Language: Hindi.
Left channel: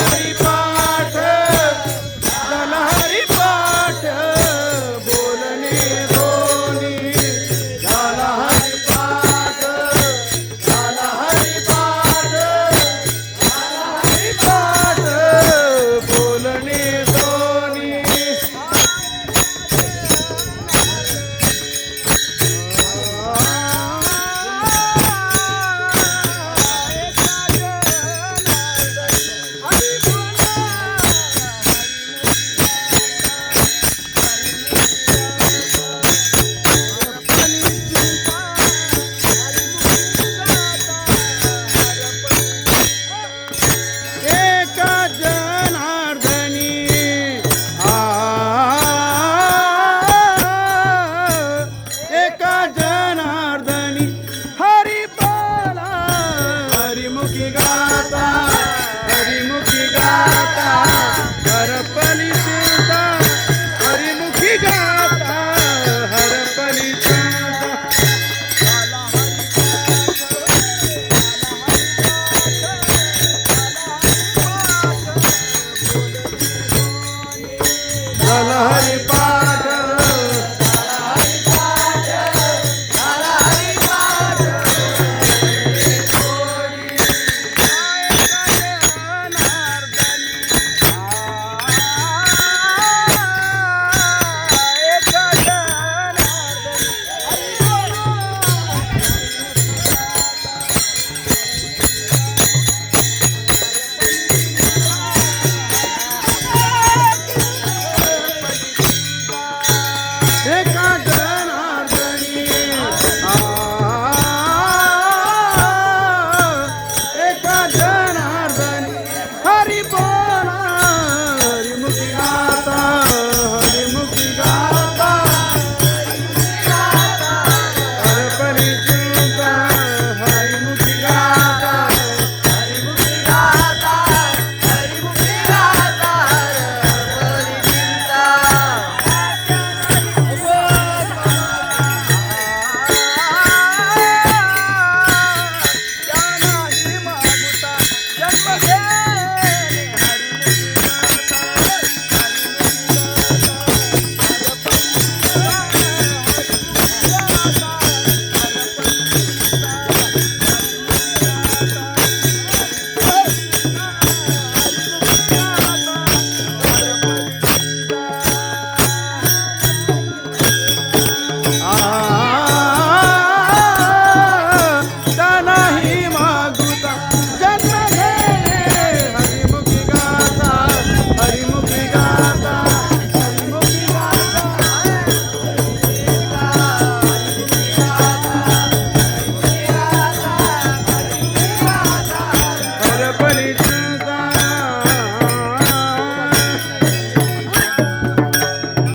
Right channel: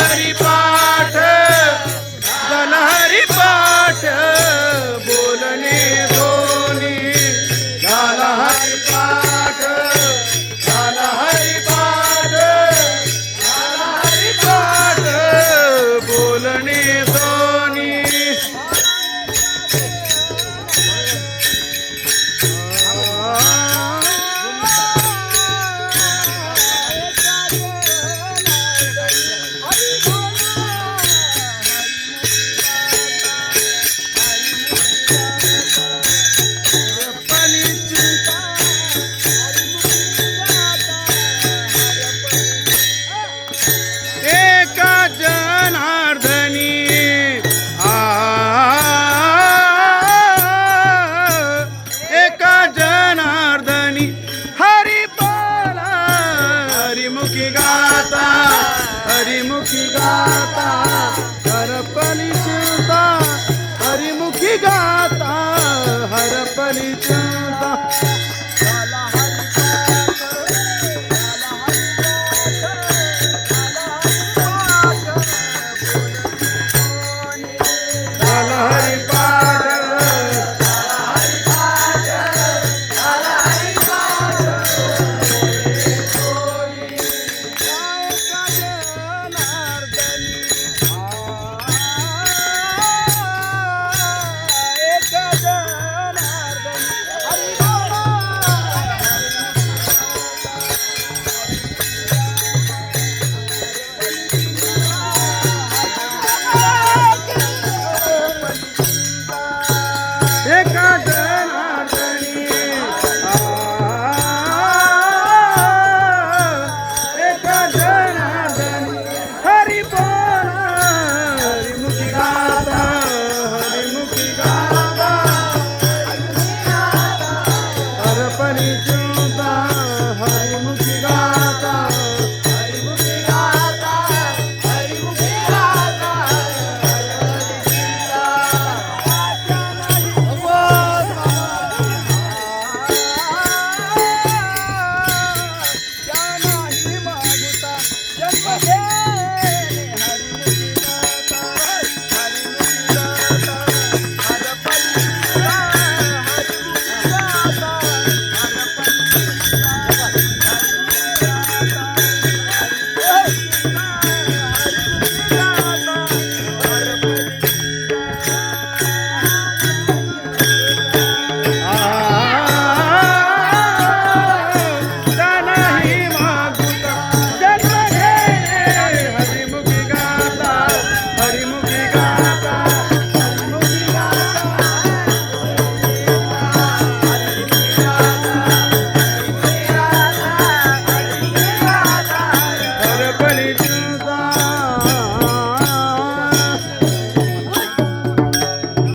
हरि हरिमुखी गाता हरिमुखी गाता हर पली चुता हरिमुखी गाता हर पलि चुता हरि